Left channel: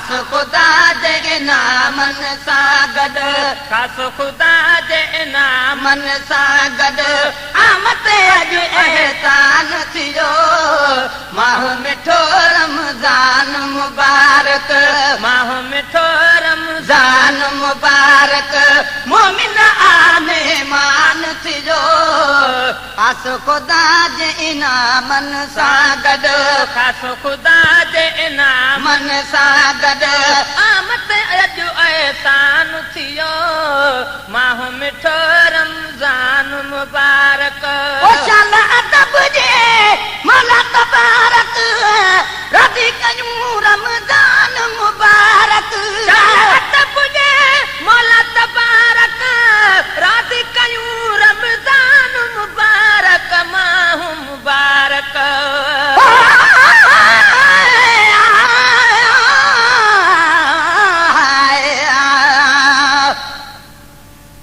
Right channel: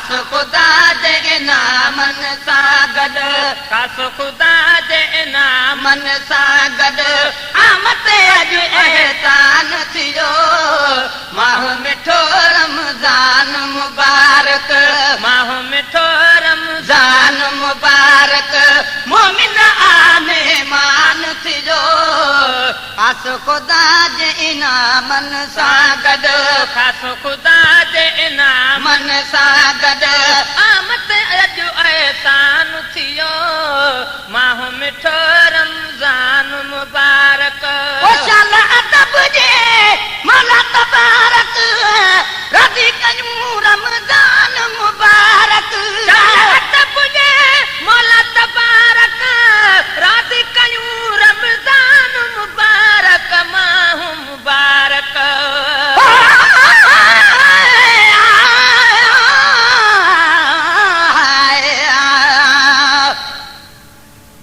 खास खुदा जे इनामन सां गॾु खास खुदा जे मन सां गॾु आमद अॼु एहसान थियो माह मिठो रमज़ान मुबारक माह मिठो रमज़ान मुबारक मोमिन मेहमान थियो खास खुदा जे इनामन सां गॾु खास खुदा जे मन सां गॾु आमद अॼु एहसान थियो माह मिठो रमज़ान मुबारक शाल अदब जे मौला तबारक राज़ी कयूं रमज़ान मुबारक अदब जे मौला तबारक राज़ी कयूं रमज़ान मुबारक माह मुबारक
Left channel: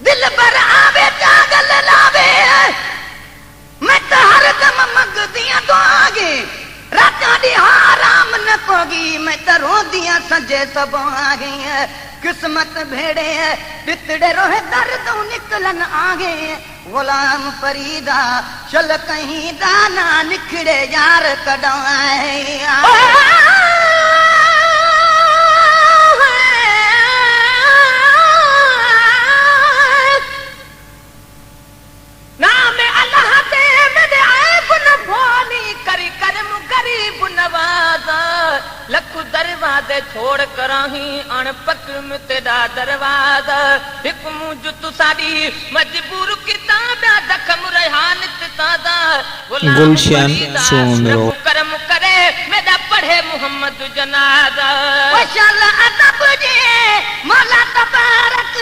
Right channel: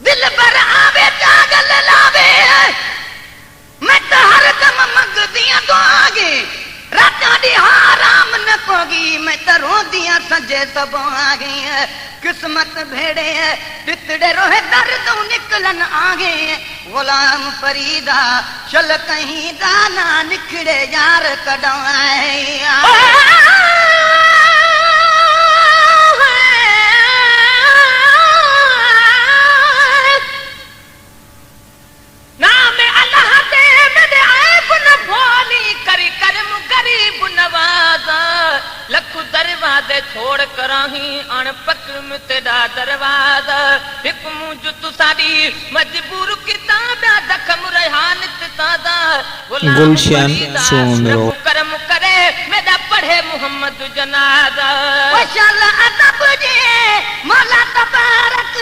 दिल पर आवे जागल लावे मैं तो हरदम मंगदियां दुआगे रातां दी आराम न कोगी मैं तो रोंदियां संजे सबागे किस्मत भेड़े बितड़े रोहे दर्दों निकलन आगे गुलाम फरीदा चल कहीं दाना निखड़े यार कदाए नाम अल्लाह दे मेरे ऐब न भोली करी करम गरीब नवाज़ा लख दरवाज़े छोड़ कराही अणपक में तेरा दरवाज़ा हिक मुझ तू साडी मजबूर किताब दखम रेहान ताजा गुलशन सोनरो करम करे मेरा पढ़े मोहम्मद जनाजा वशल अदब जे मौला तबारक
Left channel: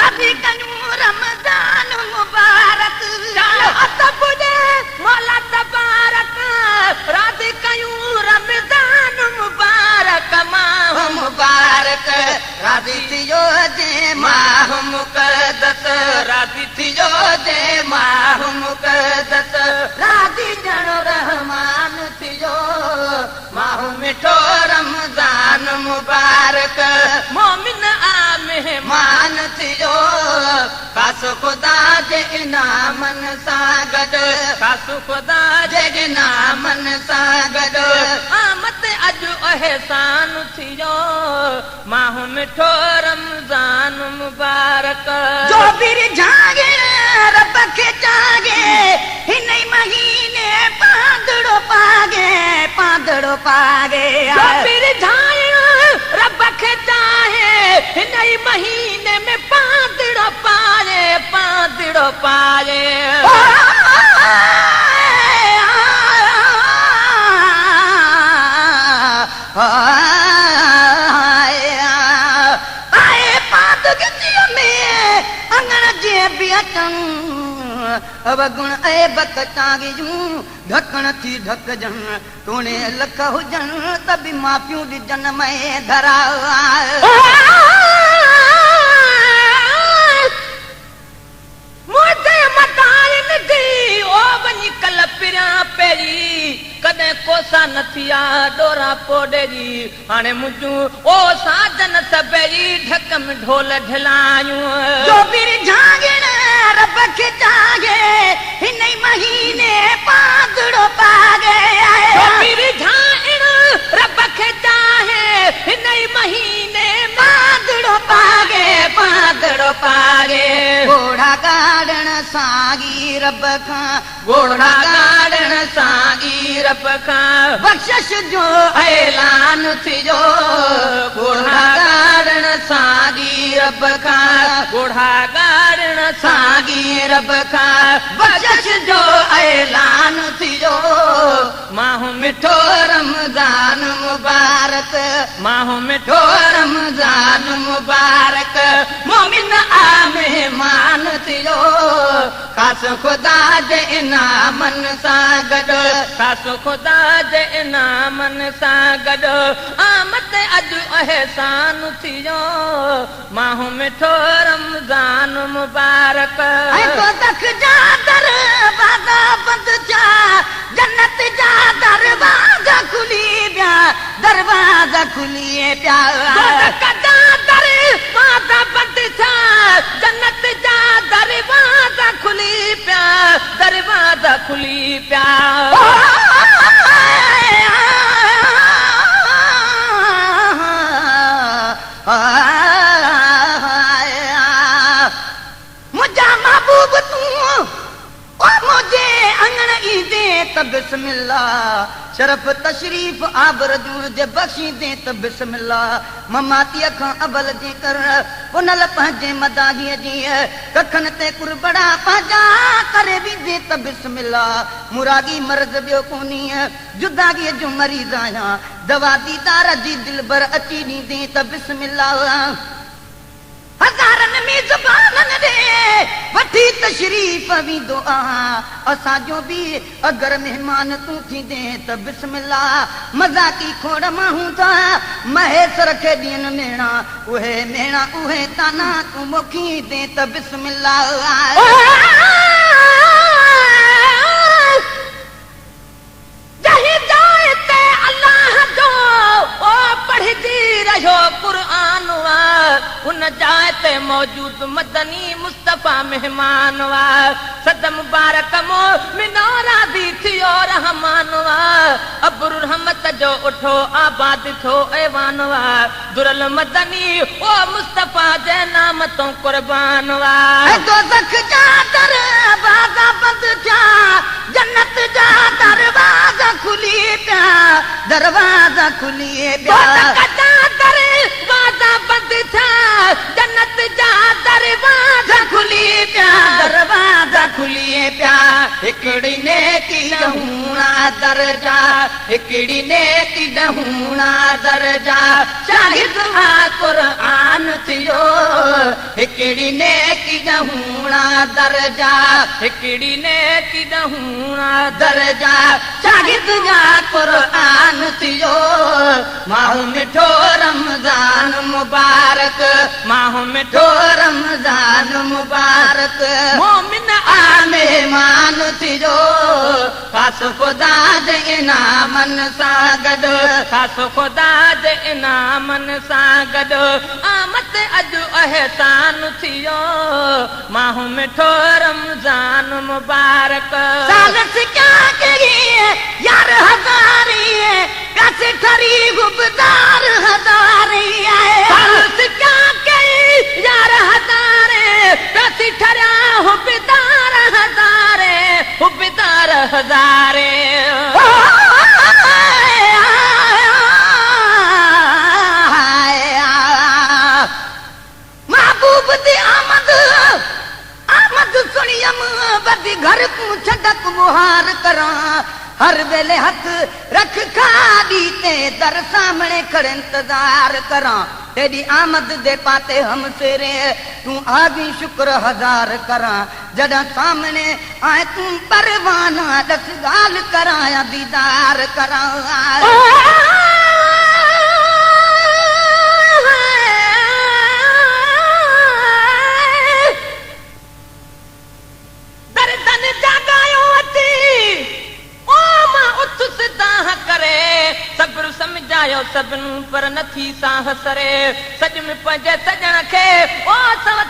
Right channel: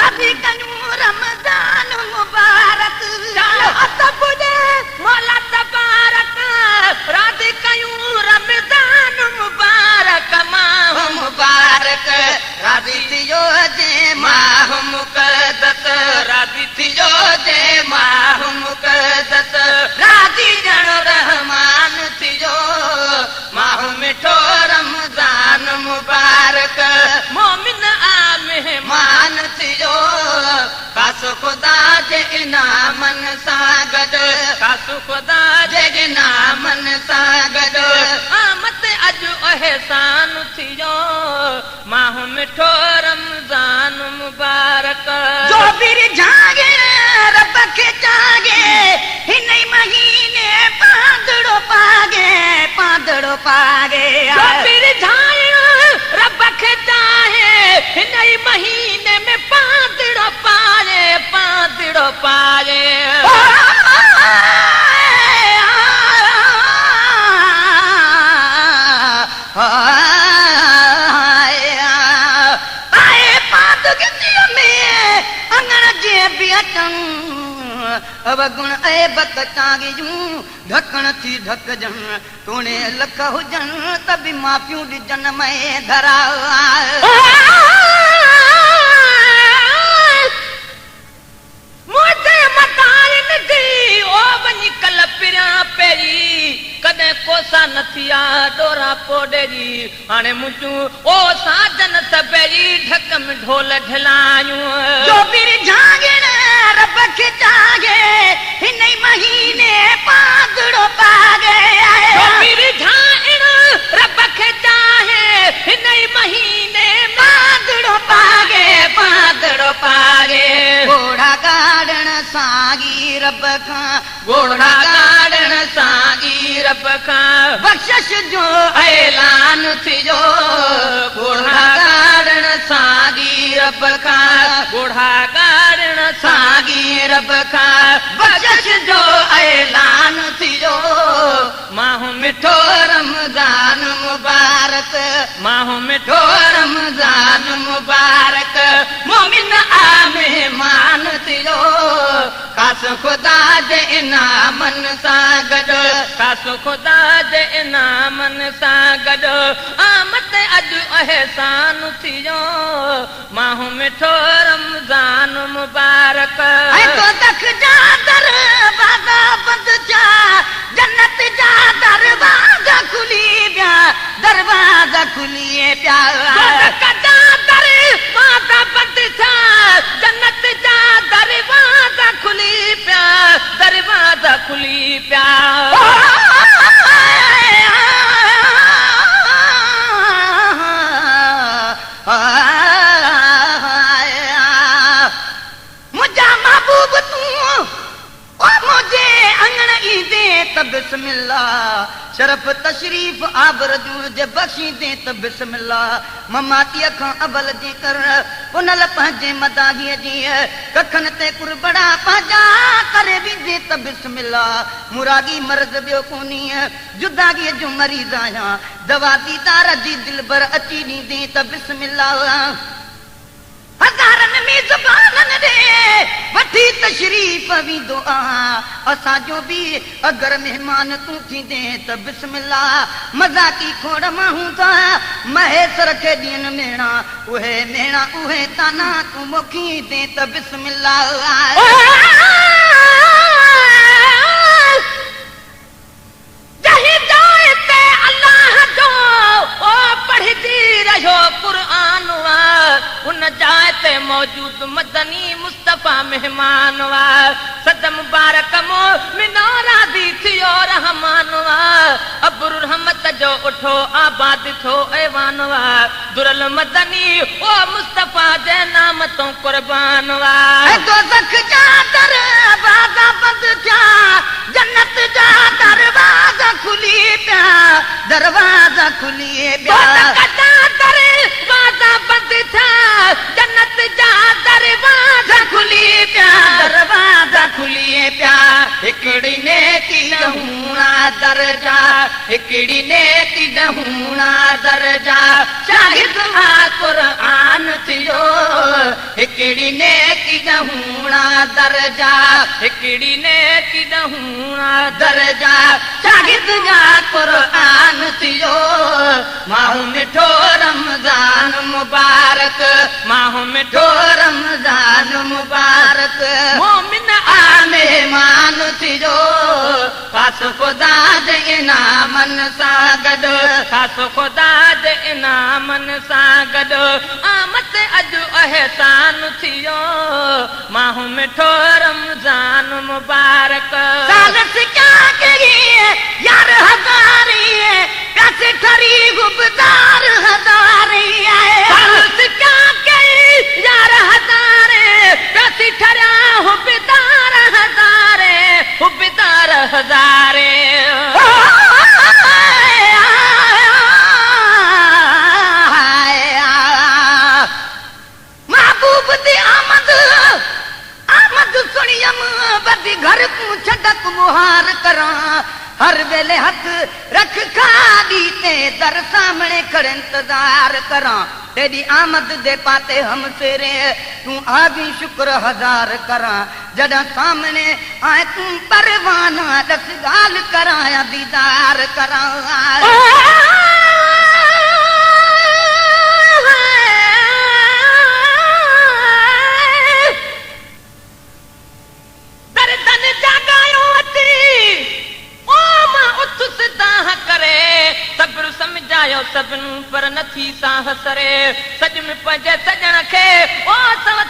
राज़ी कयूं रमज़ान मुबारक अदब जे मौला तबारक राज़ी कयूं रमज़ान मुबारक माह मुबारक राज़ी थियो जे माह मुक़द्दस राज़ी थियो जे माह मुक़द्दस राज़ी ॼण रहमान थियो माह मिठो रमज़ान मुबारक मोमिन आ मेहमान थियो खास खुदा जे इनामन सां गॾु खास खुदा जे इनामन सां गॾु आमद अॼु एहसान थियो माह मिठो रमज़ान मुबारक जो बिर जागे रब खे जागे हिन महीने पांदड़ो पागे जो बिर जाए रब खे चाहे हिन महीने में पांदड़ो पाए आए पादगीअ में अंगण जे बियतन अवगुण ऐबत कागिजूं ढकण थी ढकजन तूने लख हुजन त बि माफ़ियूं ॾिजन मैं धरा मुझे मताइन दी ओ वनी कल पिरिया पेरी कदे कोसा न थिया डोरा पोडेरी हाणे मुझू ओ साजन सबेरी ढक में ढोल ढलायूं जो बिर जागण रब खे जागे हिन महीने पादड़ो पागे जो बिर जागण रब खे चाहे हिन महीने पादड़ो पागे घोड़ा गाड़न सागी रब खां घोड़ा गाड़न सागी रब खां बख्शिश जो ऐलान थियो घोड़ा गाड़न सागी रब खां बूढ़ा गाड़न सागी रब खां बख्शिश जो ऐलान थियो माह मिठो रमज़ान मुबारक माह मिठो रमज़ान मुबारक मोमिन आ मेहमान थियो खास खुदा जे इनामन सां गॾु खास खुदा जे इनामन सां गॾु आमद अॼु एहसान थियो माह मिठो रमज़ान मुबारक तो तक जा दरवाज़ा बंद जा जन्नत जा दरवाज़ा खुली विया दरवाज़ा खुलिए प्यार कदा दरवाजा बंद था जन्नत जा दरवाजा खुली पिया दरवाजा खुली पिया मुझा महबूब तू ओ मुझे अंगण ईंदे त बिस्मिल्लाह शरफ तशरीफ आबरदूर जे बख्शी दे त बिस्मिल्लाह ममातीअ खां अबल जे कर पुनल पंहिंजे मदाहीअ जी कखन ते कुरबड़ा पंहिंजा करे ॾींदे त बिस्मिल्लाह मुरादी मर्ज़ ॿियो कोन्हे जुदागीअ जो मरीज़ आहियां दवा दीदार जी दिलबर अची ॾींदे त बिस्मिल्लाह हज़ारनि मेज़बाननि ॾे वठी तशरीफ़ वेंदो आहियां असांजो बि अगरि महिमान तूं थींदे त बिस्मिल्लाह मज़ाकी खोड़ माण्हू था महेसर खे ॾियनि मेणा उहे मेणा उहे ताना तूं मोखी दे त बिस्मिल्लाह जही जाए ते अल्लाह जो ओ पढ़जी रहियो क़ुरान उन जाए ते मौजूद मदनी मुस्तफा मेहमान वा सद मुबारक मोमिनो राज़ी थियो रहमान वा अब्र रहमत जो उठो आबाद थो ऐवान वा दुरल मदनी ओ मुस्तफा जे नाम तो कुर्बान वा दोज़ख जा दरवाजा बंद थिया जन्नत जा दरवाजा खुली पिया दरवाजा खुली पिया दरवाजा बंद था जन्नत जा दरवाजा खुली पिया दरवाजा खुली पिया हिकिड़ी नेती ॾहूणा दर्जा हिकिड़ी नेती ॾहूणा दर्जा शाहिद आ क़ुरान थियो हिकिड़ी नेती ॾहूणा दर्जा हिकिड़ी नेती ॾहूणा दर्जा शाहिद आ क़ुरान थियो माहू मिठो रमज़ान मुबारक माहू मिठो रमज़ान मुबारक मोमिन मेहमान थियो पास ख़ुदा जे इनामन सां गॾु खास ख़ुदा जे इनामन सां गॾु आमद अॼु अहसान थियो माहू मिठो रमज़ान मुबारक सालस क्या करी यार हज़ारी कैसे ठरी गुबदार हज़ारी सालस क्या कई यार हज़ारे कैसे ठरा हुबदार हज़ारे हुबदार हज़ारे महबूब दी आमद आमद सुनियम बदी घर तू छदक मुहार करा हर वेले हथ रख खादी ते दर सामने खड़े इंतजार करा तेरी आमद दे पाते हम सेरे तू आगी शुक्र हजार करा जदा सामने आए तू परवाना दस गाल करा या दीदार करा दर्दन जागायो अती ओ मां उठ सिधा करे सब्र समझायो सभिनी पर नथी साह सरे सज में पंहिंजे सजण खे ओ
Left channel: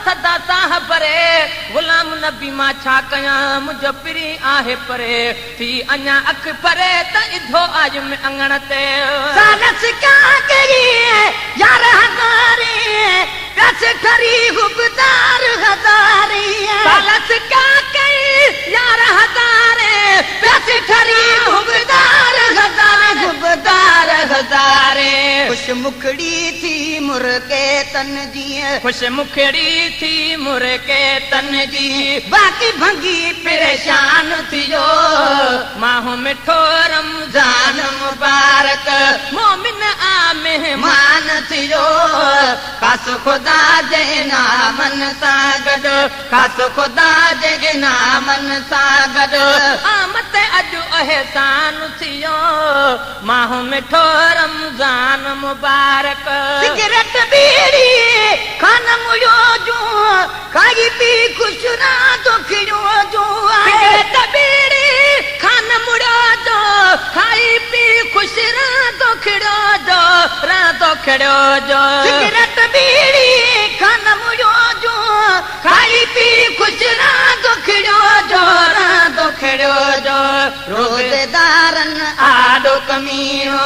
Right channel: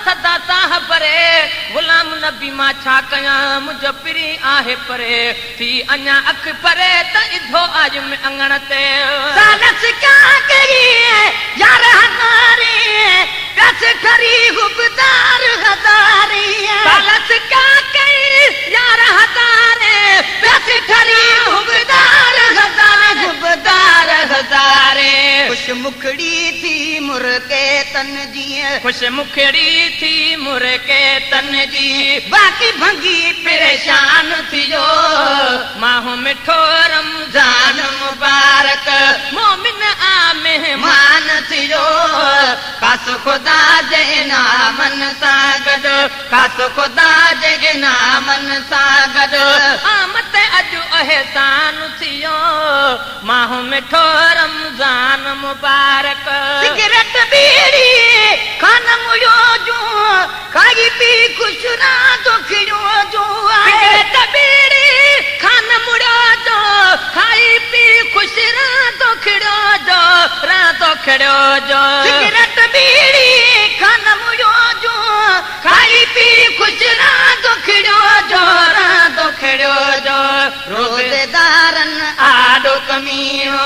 सदा साह भरे गुलाम नबी मां छा कयां मुंहिंजो पिरी आहे परे थी अञा अख परे त इधो आज में अंगण ते सालस क्या करी यार हज़ारी कैसे ठरी गुबदार हज़ारी सालस क्या कई यार हज़ारे कैसे ठरी गुबदार हज़ार गुबदार हज़ारे खुश मुखड़ी थी मुर्के तन जी खुश मुखड़ी थी मुर्के तन जी बाकी भंगी परेशान थियो माहू मिठो रमज़ान मुबारक मोमिन आ मेहमान थियो खास ख़ुदा जे नामन सां गॾु खास ख़ुदा जे नामन सां गॾु आमद अॼु अहसान थियो माहू मिठो रमज़ान मुबारक सिगरेट बीड़ी खान मुयो जो खाई पी खुश रात खियो जो सिगरेट बीड़ी खान मुड़ो जो खाई पी खुश रात खिड़ो जो रात खड़ो जो सिगरेट बीड़ी खाना मुझो जो खाई पी खुश रात खड़ो जो रात खड़ो जो रोजेदारन आडो कमीनो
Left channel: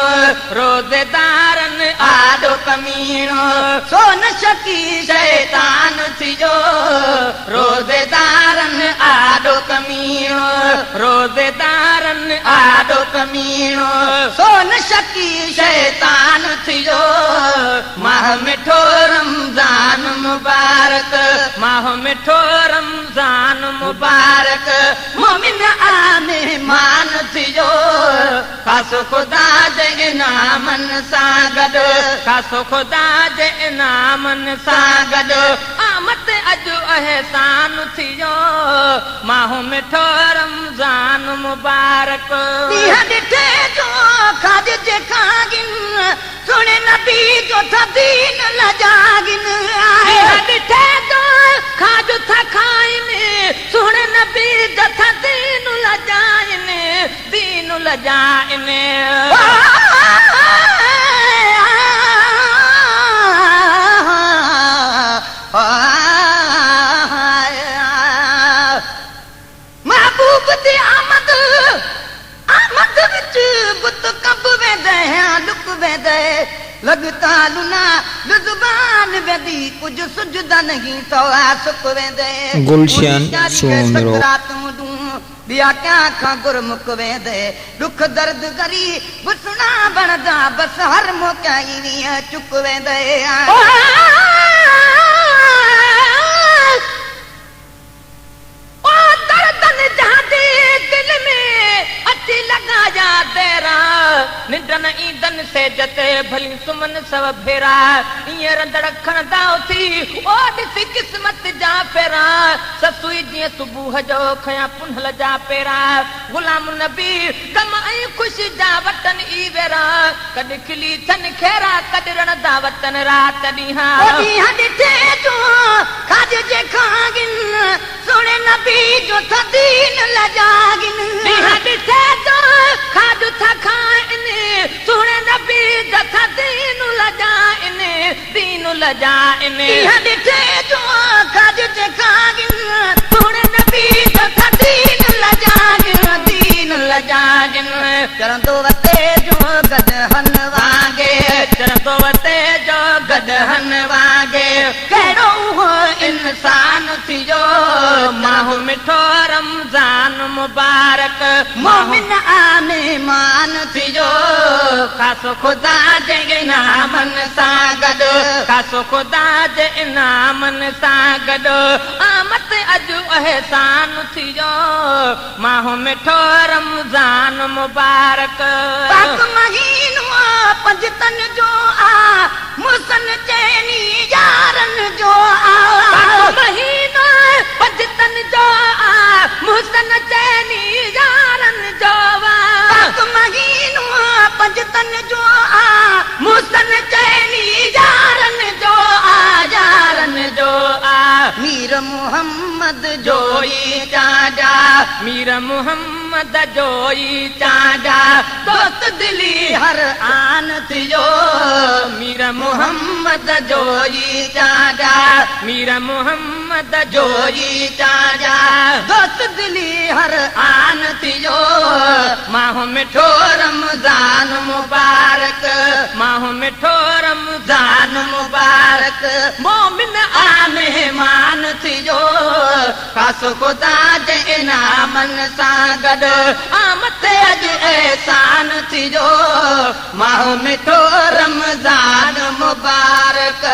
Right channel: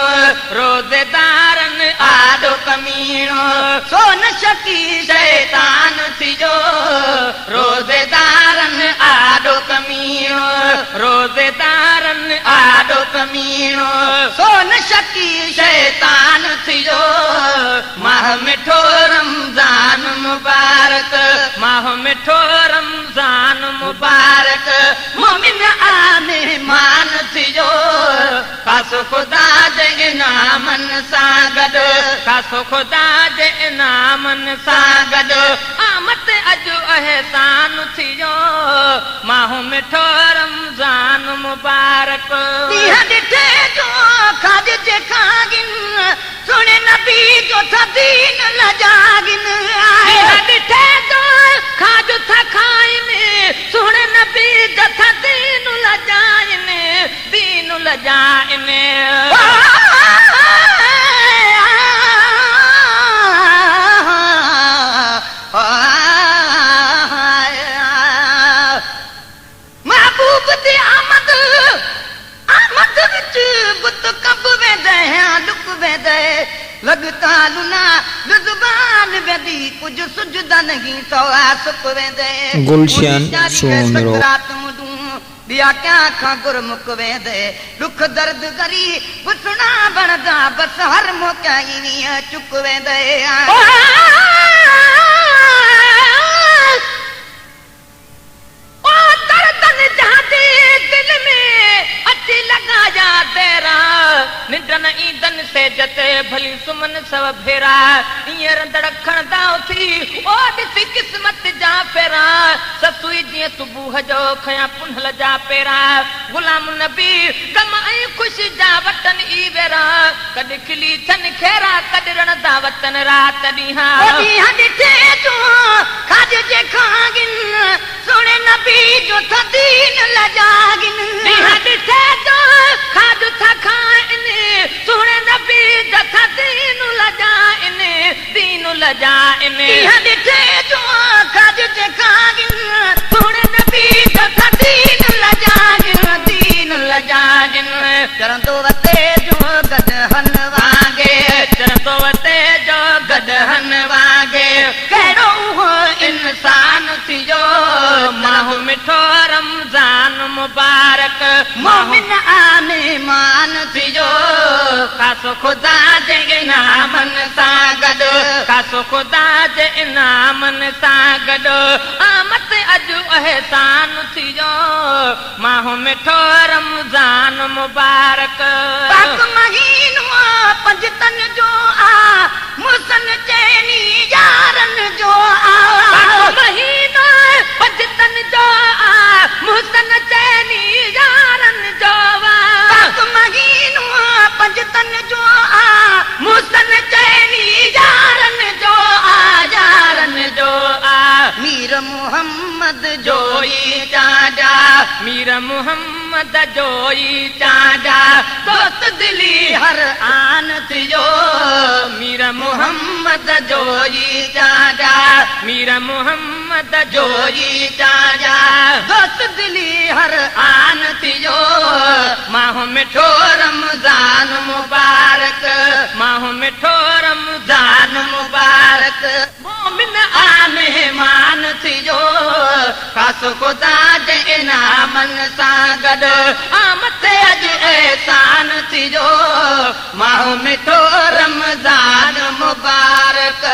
रोज़ेदारन आडो कमीनो सोन शकी शैतान थी जो रोजेदारन आडो कमीनो रोज़ेदारन आडो कमीनो सोन शकी शैतान थी जो माह मिठो रमजान मुबारक माह मिठो रमज़ान मुबारक मोमिन आने मान थी जो खासो खुदा जे नामन सां गॾु खासो ख़ुदा जे इनामन सां गॾु आमद अॼु अहसान थी वियो माहो मिठो रमज़ान मुबारक ॾींहं ॾिठे जो खाज जे खागिन सुणे नबी जो थदीन लजागिन ॾींहं ॾिठे जो खाज था खाइनि सुणे नबी जो थदीन लजाइनि दीन लजाइनि महबूब दी आमद आमद विच बुत कब वेंदे लुक वेंदे लगता लुना जुबान वेंदी कुछ सुझदा नहीं सवा सुक वेंदे गुलशन सोनरो बिया क्या खां गुरमुख वेंदे दुख दर्द करी बुसना बनदा बस हर मोकाई चुक वेंदे निंडन ईंदन से जते भली सुमन सब फेरा ईअं रंदड़ खणदा थी ओ ॾिसी क़िस्मत जा फेरा ससुई जीअं सुबुह जो खयां पुनहल जा पेरा गुलाम नबी गम ऐं ख़ुशी जा वतन ई वेरा कॾहिं खिली थन खेरा कॾहिं रणदा वतन रात ॾींहं ॾिठे जो खाज जे खागिन सुणे नबी जो थदीन लजागिन ॾींहं ॾिठे जो खाज था खाइनि सुणे नबी जो थदीन लजाइनि दीन लजाइनि ॾींहं ॾिठे जो खाज जे खागिन सुणे नबी जो थदीन लजागिन दीन लजागिन चरंदो वते जो गदहन वागे चरंदो वते जो गदहन वागे कहिड़ो उहो इंसान थी जो माहो मिठो रमज़ान मुबारक मोमिन आने मान थी जो खासो खुदा जे इनामन सां गॾु खासो खुदा जे इनामन सां गॾु आमद अॼु अहसान थी जो माहो मिठो रमज़ान मुबारक पाक महीनो पंजतन जो आ मुसन चैनी यारन जो आ महीनो पंजतन जो आ मुसन चैनी यारन जो आ पाक महीनो पंजतन जो आ मुसन चैनी यारन जो आ यारन जो आ मीर मोहम्मद जोई चाजा मीर मोहम्मद जोई चाजा दोस्त दिली हर आन थियो मीर मोहम्मद जोई चाजा मीर मोहम्मद जोई चाजा दोस्त दिली हर आन थियो माहो मिठो रमज़ान मुबारक माहो मिठो रमज़ान मुबारक मोमिन आने मान थियो खासो खुदा जे इनामन सां गॾु आमद अॼु एहसान थियो माहो मिठो रमज़ान मुबारक